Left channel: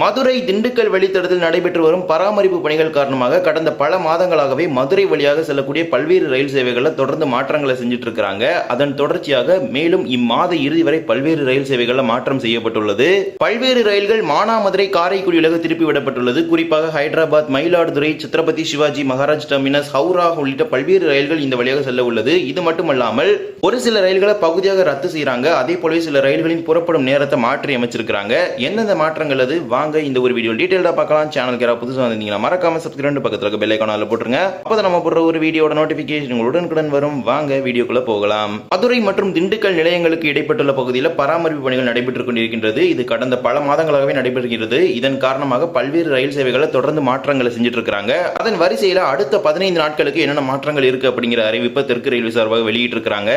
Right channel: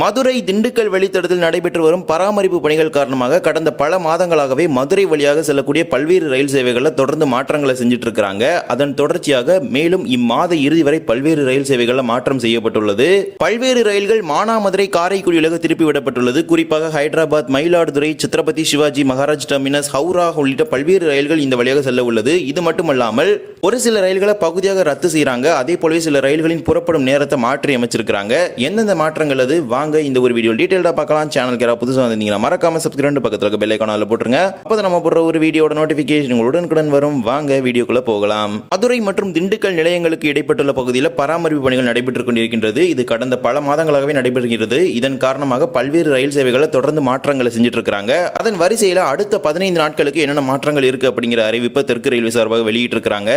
மதுரை திண்டுக்கல் வெளித்தடத்தில் நடைபெற்று வரும் பராமரிப்பு பணிகள் காரணமாக கடந்த பல மாதங்களாகவே மதுரை வழியாக செல்லக்கூடிய பல்வேறு ரயில் சேவைகளில் தொடர்ந்து மாற்றங்களை செஞ்சுட்டு இருக்கிறாங்க அதன் தொடர்ச்சியாக மேலும் இம்மாத இறுதி வரை பல்வேறு ரயில் சேவைகளில் மாற்றம் செய்யப்பட்டுள்ளது. பல்வேறு ரயில்கள் மானாமதுரை காரைக்குடியிலாக திருப்பி விடப்பட்டுள்ளது. குறிப்பாக ஹைதராபாத் மயிலாடுதுறை சித்ரபதி சிவாஜி மகாராஜ் டெர்மினஸ் ஹவுரா உள்ளிட்ட பல்வேறு ரயில்கள் இந்த வழியாக செல்ல உள்ளது. இது மட்டுமல்லாமல் ஒரு சில ரயில்களை பகுதியாக ரத்து செய்கிறாங்க அதே போலவே சில ரயில்களின் புறப்படும் நேரத்தை மாற்றி அமைச்சிருக்கிறாங்க. எந்தெந்த மாற்றங்கள் அது? வாங்க இந்த ஒரு வீடியோ டீடைல்டா பார்க்கலாம். சேனலுக்கு யாராவது புதுசாக வந்திருந்தீங்கன்னா மறக்காம சப்ஸ்கிரைப் பக்கத்தில் இருக்க பெல் ஐக்கானில் போட்டுருங்க. அப்போ நம்ம போடுற ஒரு வீடியோட நோட்டிஃபிகேஷன் உடனுக்குடன் வரும். வாங்க வீடியோக்குள்ள போகலாம். மதுரை மற்றும் திண்டுக்கல் நிலையங்களுக்கு இடைப்பட்டுள்ள பகுதியில் பராமரிப்பு பணிகள் நடைபெற்றுக் கொண்டிருக்கின்றது. இது கடந்த பல மாதங்களாகவே நடைபெறுகிறது. இதன் காரணமாக பல்வேறு ரயில் சேவைகளை தொடர்ந்து மாற்றங்களை செஞ்சுட்டு இருக்காங்க அதன் வரிசையில் அடுத்த பதினைந்து நாட்களுக்கு என்னென்ன மாற்றங்கள் இருக்கு அப்படிங்கிற அறிவிப்பை தெற்கு ரயில்வே சார்பாக வெளியிட்டிருக்கிறாங்க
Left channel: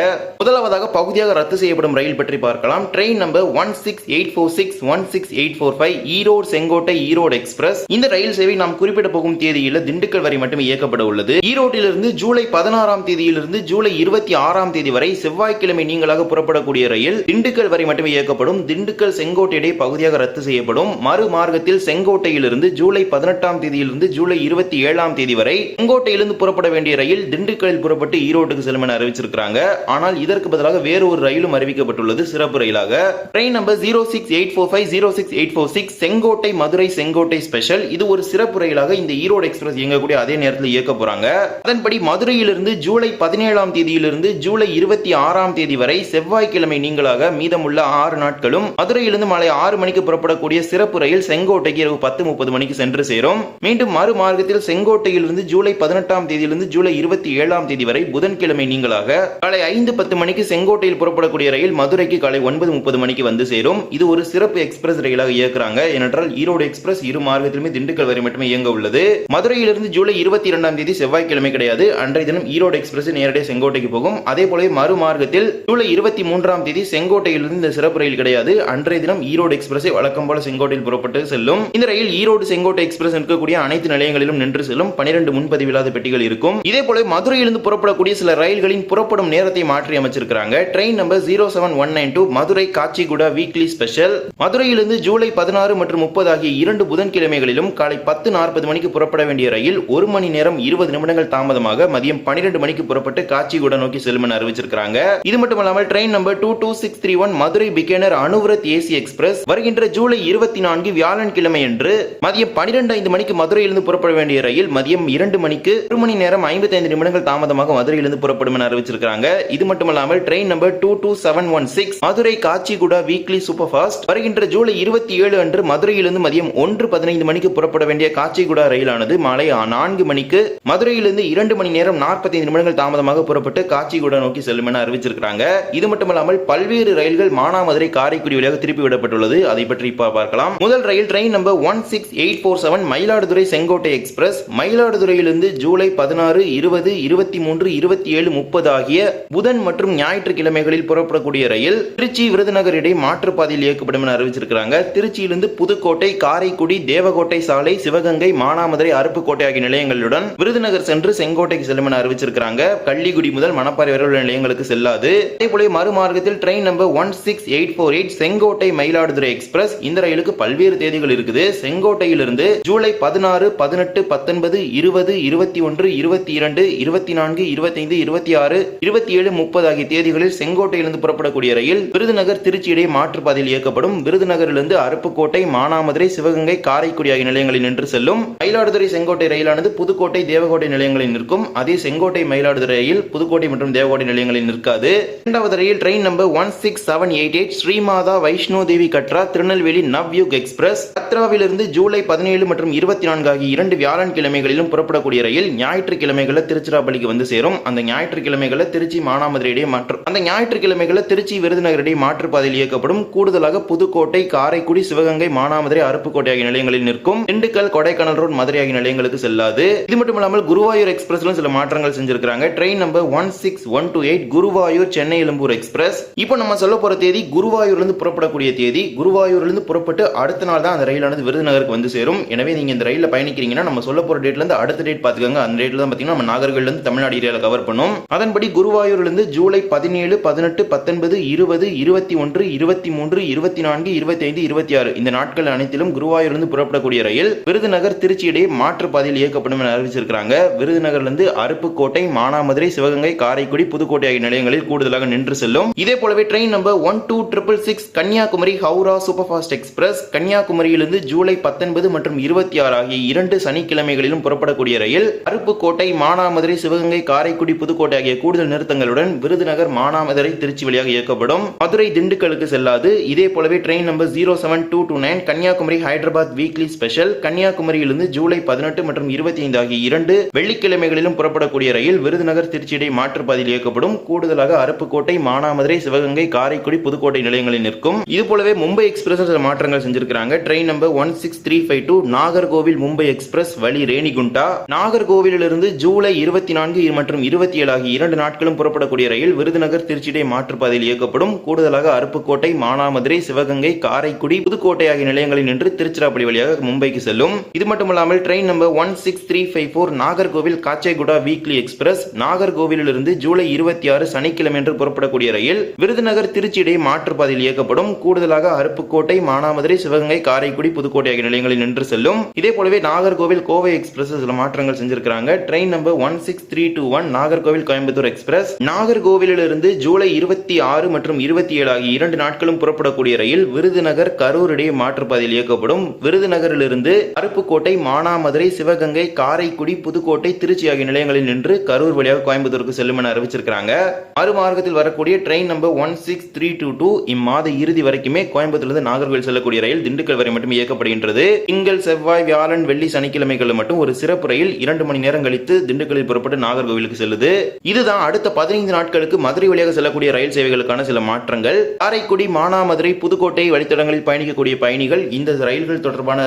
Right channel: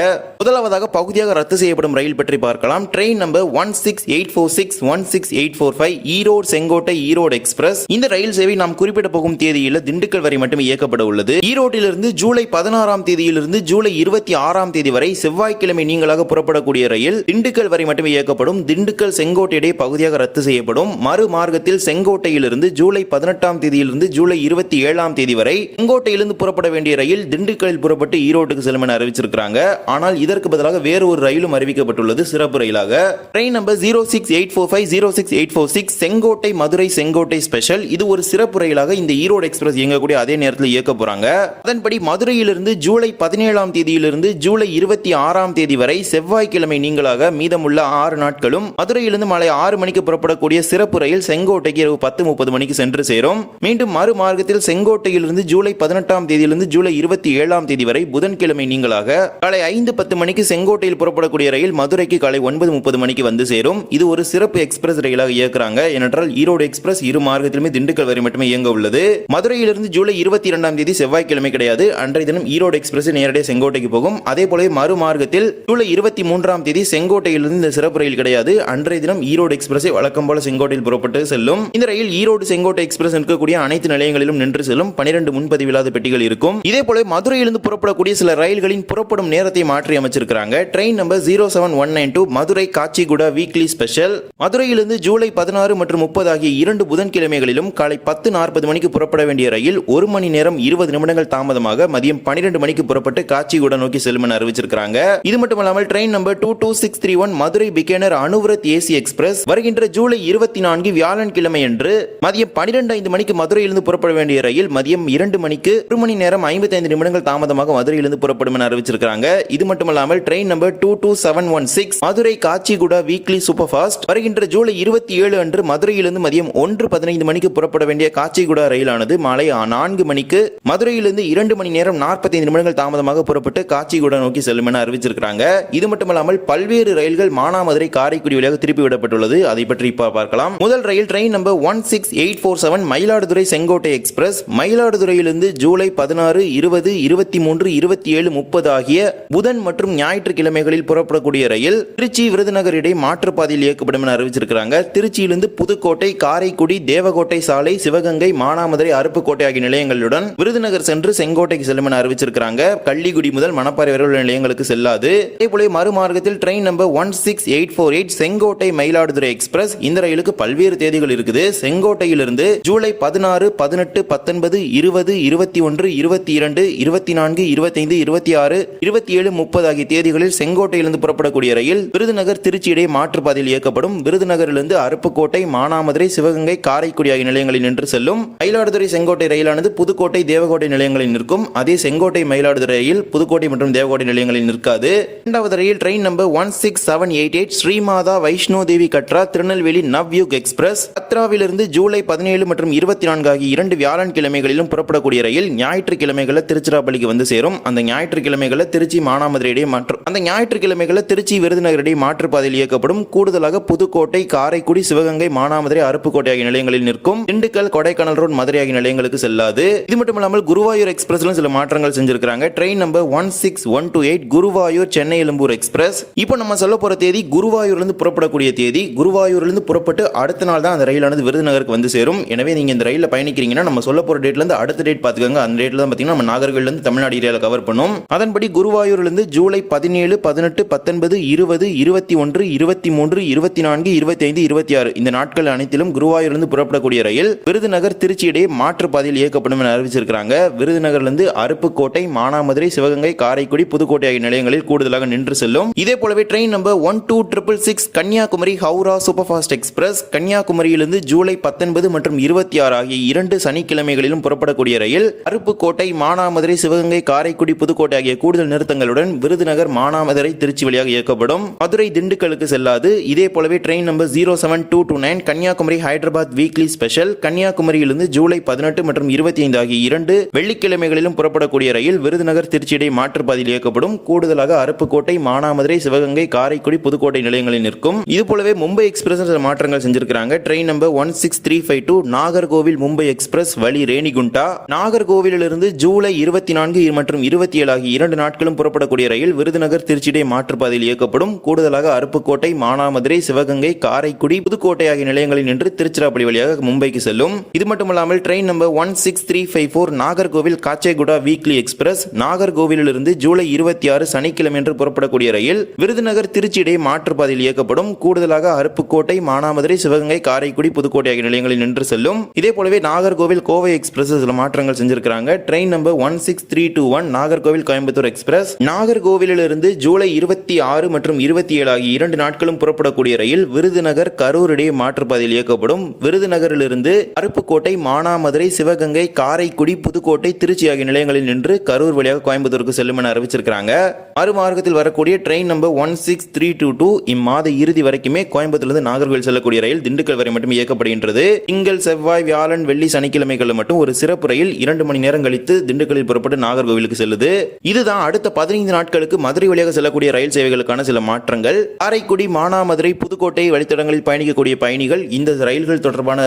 முதலாவதாக பகுதியாக ரத்து செய்யப்படும் ரயில் பற்றி பார்க்கலாம். Train number one six eight four six one six eight four five Erode Sengottai Erode express. இந்த ரயில் சேவை நாம் குறிப்பிட போகும் தேதியில் திண்டுக்கல் வரை மட்டும் இயக்கப்பட உள்ளது. ஈரோட்டிலிருந்து ஜூலை பதினாறாம் தேதியிலிருந்து ஜூலை இருபத்தி ஆறாம் தேதி வரை செவ்வாய்க்கிழமை நீங்களாக புறப்படக்கூடிய ரயில் திண்டுக்கல் வரை மட்டும் இயக்கப்படும். திண்டுக்கல் செங்கோட்டை இடையே பகுதியாக ரத்து செய்யப்படும். மறு மார்க்கத்தில் செங்கோட்டையிலிருந்து ஜூலை பதினெட்டாம் தேதியிலிருந்து ஜூலை இருபத்தி ஏழாம் தேதி வரை செங்கோட்டையிலிருந்து புறப்பட வேண்டிய ரயில் திண்டுக்கலில் புறப்பட்டு ஈரோட்டுக்கு செல்லும் என அறிவிச்சிருக்கிறாங்க. ஆனால் இதற்கு பதிலாக வேறு ஒரு ரயிலும் அறிவிக்கப்பட்டுள்ளது சிறப்பு ரயிலாக. Train number zero six eight four five zero six eight four six Sengottai Madurai Sengottai special இது ஒரு சிறப்பு ரயிலாக இந்த ஈரோடு எக்ஸ்பிரஸ் இயங்கக்கூடிய அதே நேரத்தில் இயக்க போறாங்க. அதன்படி மதுரையிலிருந்து ஜூலை பதினேழாம் தேதியிலிருந்து ஜூலை இருபத்தி ஆறாம் தேதி வரை செவ்வாய்க்கிழமை நீங்களாக மீதமுள்ள ஆறு நாட்களும் மதுரையிலிருந்து மாலை ஆறு மணிக்கு புறப்படக்கூடிய சிறப்பு ரயில் செங்கோட்டைக்கு இரவு பத்து முப்பது மணிக்கு சென்று சேரும். மீண்டும் மறு மார்க்கத்தில் செங்கோட்டையிலிருந்து ஜூலை பதினெட்டாம் தேதியிலிருந்து ஜூலை இருபத்தி ஏழாம் தேதி வரை புதன்கிழமை நீங்களாக காலை ஐந்து பத்து மணிக்கு செங்கோட்டையில் புறப்படக்கூடிய ரயில் மதுரைக்கு காலை ஒன்பது முப்பது மணிக்கு வந்து சேரும். இது ஒரு சிறப்பு எக்ஸ்பிரஸ் ரயிலாக இயக்குறாங்க. ஏனென்றால் ஈரோடு எக்ஸ்பிரஸ் இரு மார்க்கத்திலுமே திண்டுக்கல் வரை மட்டுமே இயங்க உள்ளது. மதுரையிலிருந்து ஜூலை இருபத்தி இரண்டாம் தேதி செவ்வாய்க்கிழமை கிடையாது. அன்றைய தினம் ஈரோடு எக்ஸ்பிரஸ் நேரடியாக செங்கோட்டைக்கு போகும். அதே போல மறு மார்க்கத்தில் ஜூலை இருபத்தி மூன்றாம் தேதி செங்கோட்டையிலிருந்து இந்த சிறப்பு ரயில் கிடையாது. அன்றைய தினம் ஈரோடு எக்ஸ்பிரஸை வழக்கம் போல செங்கோட்டையில் புறப்பட்டு செல்லும். இந்த ரயில் ஈரோடு செங்கோட்டை எக்ஸ்பிரஸ் இருக்கக்கூடிய அனைத்து நிலையங்களிலும் நின்று செல்லும். பனிரெண்டு முன்பதிவில்லாத பெட்டிகள் இருக்கும். இதே போல மதுரையிலிருந்து புறப்படக்கூடிய சில ரயில்களின் புறப்படும் நேரத்தை மாற்றி அமைச்சிருக்கிறாங்க. Train number zero seven one nine two Madurai Kacheguda weekly special. மதுரையிலிருந்து ஜூலை பதினாறு மற்றும் முப்பது ஆகிய இரண்டு புதன்கிழமைகளிலும் காலை பத்து நாற்பது மணிக்கு புறப்பட வேண்டிய ரயில் ஒரு மணி நேரம் இருபது நிமிடங்கள் தாமதமாக மதியம் பனிரெண்டு மணிக்கு புறப்பட்டு காச்சிகுடா நோக்கி செல்லும் என அறிவிச்சிருக்காங்க இது மட்டுமல்லாமல் train number two two six three one Madurai Bikaner Anuvrat AC express வருகின்ற ஜூலை இருபத்தி நான்கு வியாழன்கிழமை அன்று மதியம் பன்னிரண்டு ஐந்து மணிக்கு மதுரையிலிருந்து புறப்பட வேண்டிய ரயில் மதியம் இரண்டு மணிக்கு ஒரு மணி நேரம் ஐம்பத்தைந்து நிமிடங்கள் தாமதமாக மதுரையிலிருந்து புறப்படும் என அறிவிச்சிருக்காங்க இது மட்டுமல்லாமல் train number two two seven one six Madurai Kacheguda weekly super fast வருகின்ற ஜூலை இருபத்தி ஏழு அன்று மதுரையிலிருந்து மதியம் ஒன்று பதினைந்து மணிக்கு புறப்பட வேண்டிய காச்சிகுடா ரயிலானது மாலை நான்கு மணிக்கு மதுரையிலிருந்து இரண்டு மணி நேரம் நாற்பத்தைந்து நிமிடங்கள் தாமதமாக புறப்பட்டு காச்சிகுடா நோக்கி செல்லும் என அறிவிச்சிருக்கிறாங்க. இது மட்டுமல்லாமல் பல்வேறு ரயில்கள் மானாமதுரை காரைக்குடி வழியாக திருப்பி விடப்பட்டுள்ளது. அதை பற்றி இப்ப பார்க்கலாம். முதல் ரயில் train number one six eight four seven Mayiladuthurai Sengottai express. மயிலாடுதுறையிலிருந்து ஜூலை பதினாறு இருபது இருபத்தி மூன்று இருபத்தி ஏழு முப்பது ஆகிய புதன் மற்றும் ஞாயிற்றுக்கிழமைகளில் புறப்படக்கூடிய ரயில் திருச்சி விருதுநகர் இடையே மாற்றுப்பாதையில் இயக்கப்படும் என அறிவிச்சிருக்கிறாங்க. திருச்சியிலிருந்து புது புதுக்கோட்டை காரைக்குடி தேவகோட்டை சாலை சிவகங்கை மானாமதுரை அருப்புக்கோட்டை ஆகிய நிலையங்களுடன் விருதுநகர் சென்று செங்கோட்டைக்கு செல்லும் என அறிவிச்சிருக்காங்க கள்ளிக்குடி முதல் மணப்பாறை வரை உள்ள நிலையங்களுக்கு செல்லாது. அதே போல மறுமார்க்கத்தில் train number one six eight four eight Sengottai Mayiladuthurai express இந்த ரயிலுக்கு பல்வேறு தேதிகள் இருக்குது. செங்கோட்டையிலிருந்து ஜூலை பதினாறு பதினெட்டு பத்தொன்பது இருபது இருபத்தி ஒன்று இருபத்தி இரண்டு இருபத்தி நான்கு இருபத்தைந்து இருபத்தி ஆறு இருபத்தி ஏழு முப்பது ஆகிய தேதிகளில் செங்கோட்டையிலிருந்து புறப்படக்கூடிய ரயில் விருதுநகர் திருச்சி இடையே மாற்றுப்பாதையில் இயக்கப்படும். விருதுநகரிலிருந்து அருப்புக்கோட்டை மானாமதுரை சிவகங்கை காரைக்குடி ஆகிய நிலையங்களில் நின்று செல்லும் மயிலாடுதுறை செங்கோட்டை ரயிலானது புதுக்கோட்டை தேவகோட்டை நிலையங்களில் நிற்கும். அதே செங்கோட்டை மயிலாடுதுறை ரயில் புதுக்கோட்டை மற்றும் தேவகோட்டை நிலையங்களில் நிற்காது. இரண்டாவது ரயில் train number one six seven eight eight Shri Mata Vaishno Devi Katra Tirunelveli Navyug express. கத்ராவிலிருந்து ஜூலை பதினேழு மற்றும் இருபத்தி நான்கு ஆகிய இரண்டு வியாழன்கிழமைகளிலும் புறப்படக்கூடிய ரயில் ஞாயிற்றுக்கிழமைகளில் திருச்சிராப்பள்ளிக்கு வந்து சேரும். அந்த ஞாயிற்றுக்கிழமைகளில் திருச்சி மானாமதுரை இடையே மாற்று அந்த ஞாயிற்றுக்கிழமைகளில் திருச்சி விருதுநகர் இடையே மாற்றுப்பாதையில் இயக்கப்படும். கூடுதலாக புதுக்கோட்டை காரைக்குடி சிவகங்கை மானாமதுரை அருப்புக்கோட்டை ஆகிய நிலையங்களில் நிற்கும். திண்டுக்கல் கொடைக்கானல் ரோடு மதுரை ஆகிய நிலையங்களுக்கு செல்லாது. இது மட்டும் இல்லாமல் குருவாயூர் எக்ஸ்பிரஸ்லும் சில மாற்றங்கள் செஞ்சிருக்காங்க train number one six one two eight Guruvayur Chennai Egmore express. இப்போ நம்ம சொல்ல போற தேதி குருவாயூர்லேருந்து புறப்படக்கூடிய தேதி. குருவாயூர்லேருந்து புறப்பட்டு அடுத்த நாள் தான் அந்த ரயிலானது விருதுநகருக்கு வந்து சேரும். எனவே நீங்க இந்த ரயிலில் பயணிக்கிறீங்கன்னா நம்ம சொல்ல போற டேட்ல இருந்து அடுத்த டேட் பார்த்துக்கோங்க அந்த டேட்ல தான் பார்த்தீங்கன்னா நம்ம நாகர்கோவில்ல தமிழ்நாடு ஏரியாவில் கவர் பண்ணும். அதன்படி குருவாயூர்லேருந்து ஜூலை பதினேழு பதினெட்டு பத்தொன்பது இருபது இருபத்தி ஒன்று இருபத்தி மூன்று இருபத்தி நான்கு இருபத்தி ஐந்து இருபத்தி ஆறு. இந்த நாட்கள் நாட்கள் அனைத்திலும் குருவாயூரிலிருந்து புறப்படக்கூடிய ரயில் விருதுநகர் திருச்சி இடையே மாற்று பாதையில் இயக்கப்படும் என அறிவிச்சிருக்கிறாங்க. விருதுநகர்லேருந்து அருப்புக்கோட்டை மானாமதுரை சிவகங்கை காரைக்குடி புதுக்கோட்டை ஆகிய நிலையங்களில் கூடுதலாக நின்று செல்லும். இதே போலவே train number one two triple six Kanyakumari Howrah super fast express கன்னியாகுமரியிலிருந்து ஜூலை பத்தொன்பது மற்றும் இருபத்தி ஆறு ஆகிய இரண்டு சனிக்கிழமைகளிலும் புறப்படக்கூடிய ரயில் அருப்புக்கோட்டை மானாமதுரை சிவகங்கை காரைக்குடி புதுக்கோட்டை ஆகிய கூடுதல் நிறுத்தங்களுடன் விருதுநகர் மானாமதுரை திருச்சி வழியாக இயக்கப்படும். மதுரை திண்டுக்கலுக்கு செல்லாது. இதே போலவே train number zero seven two two nine Kanyakumari Hyderabad weekly special. கன்னியாகுமரியிலிருந்து ஜூலை பதினெட்டு மற்றும் இருபத்தி ஐந்து ஆகிய இரண்டு வெள்ளிக்கிழமைகளிலும் புறப்படக்கூடிய ரயில் விருதுநகர் திருச்சியிடை மாற்றுப்பாதையில் இயக்கப்படும். கூடுதலாக அருப்புக்கோட்டை மானாமதுரை சிவகங்கை காரைக்குடி புதுக்கோட்டை நிலையங்களில் நிற்கும். இது போலவே மும்பை எக்ஸ்பிரஸ் சில மாற்றங்கள் செஞ்சிருக்கிறாங்க. Train number one six three five two Nagercoil Mumbai express வழி ரேணிகுண்டா. நாகர்கோவிலிருந்து ஜூலை இருபத்தி நான்கு மற்றும் இருபத்தி ஏழு ஆகிய இரண்டு நாட்களும் புறப்படக்கூடிய ரயில் விருதுநகர் திருச்சியிடை மாற்றுப்பாதையில் இயக்கப்படும். கூடுதலாக அருப்புக்கோட்டை மானாமதுரை சிவகங்கை காரைக்குடி புதுக்கோட்டை ஆகிய நிலையங்களில் நின்று திருச்சிராப்பள்ளி வழியாக மும்பைக்கு செல்லும். இது மட்டுமல்லாமல் train number one six three five four Nagercoil Kacheguda weekly express நாகர்கோவிலிருந்து ஜூலை இருபத்தி ஆறு சனிக்கிழமை என்று புறப்படக்கூடிய ரயில் விருதுநகர் திருச்சி இடையே மாற்றுப்பாதையில் இயக்கப்படும். கூடுதலாக அருப்புக்கோட்டை மானாமதுரை சிவகங்கை காரைக்குடி புதுக்கோட்டை ஆகிய நிலையங்களில் நின்று செல்லும். இதே போலவே நாகர்கோவில் கோவை எக்ஸ்பிரஸ் சில மாற்றங்கள் செஞ்சிருக்காங்க train number one six three two one Nagercoil Coimbatore express நாகர்கோவிலிருந்து ஜூலை இருபத்தி ஆறு மற்றும் இருபத்தி ஏழு ஆகிய இரண்டு நாட்களும் புறப்படக்கூடிய ரயில் விருதுநகர் கரூர் இடையே பாதையில் இயக்கப்படும். விருதுநகரிலிருந்து அருப்புக்கோட்டை மானாமதுரை சிவகங்கை காரைக்குடி புதுக்கோட்டை திருச்சி ஆகிய நிலையங்களில் நின்று கரூர் வழியாக கோயம்புத்தூருக்கு செல்லும் என அறிவிச்சிருக்காங்க மறுமார்க்கத்தில் வரக்கூடிய train number one six three two two இம்மாத இறுதி வரைக்குமே கோயம்புத்தூர்லேருந்து நாகர்கோவில் செல்லக்கூடிய ரயில் திண்டுக்கல் வரை மட்டும் இயக்கப்படுகின்றது. திங்கள் செவ்வாய் வியாழன் வெள்ளி சனிக்கிழமைகளில் மட்டும் ஒரு சிறப்பு ரயில் இரண்டு மணி நேரம் கழித்து திண்டுக்கல்லில் புறப்பட்டு நாகர்கோவிலுக்கு செல்லுது. இதுதான் அடுத்த பதினைந்து நாட்களுக்கு மதுரை வழியாக செல்லக்கூடிய ரயில் சேவைகளுக்கான சில மாற்றங்கள். காரைக்குடி மானாமதுரை புதுக்கோட்டை வழித்தடங்களில் பயணிக்கக்கூடிய பயணிகள் இந்த ரயில்கள் தொடர்பான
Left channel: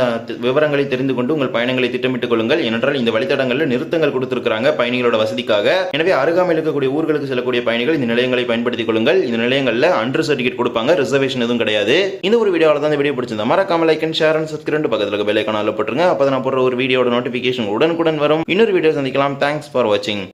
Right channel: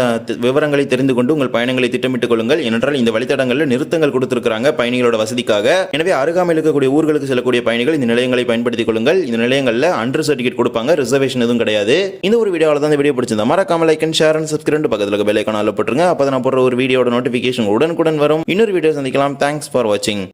விவரங்களை தெரிந்து கொண்டு உங்கள் பயணங்களை திட்டமிட்டுக் கொள்ளுங்கள். ஏனென்றால் இந்த வழித்தடங்களில் நிறுத்தங்கள் கொடுத்திருக்கிறாங்க பயணிகளோட வசதிக்காக. எனவே அருகாமையில் இருக்கக்கூடிய ஊர்களுக்கு செல்லக்கூடிய பயணிகள் இந்த நிலையங்களை பயன்படுத்திக் கொள்ளுங்கள். இந்த நிலையங்களில் அண்டர் சர்டிஃபிகேட் கொடுப்பாங்க ரிசர்வேஷன் எதுவும் கிடையாது. இந்த ஒரு வீடியோவில் தான் இந்த வீடியோ பிடிச்சிருந்தா மறக்காம like and share and subscribe பக்கத்தில் இருக்க பெல் ஐக்கான போட்டுருங்க. அப்போ நான் போடுற ஒரு வீடியோட நோட்டிஃபிகேஷன் உடனுக்குடன் வரும். இன்னொரு வீடியோ சந்திக்கலாம். தேங்க்ஸ் ஃபார் வாட்சிங்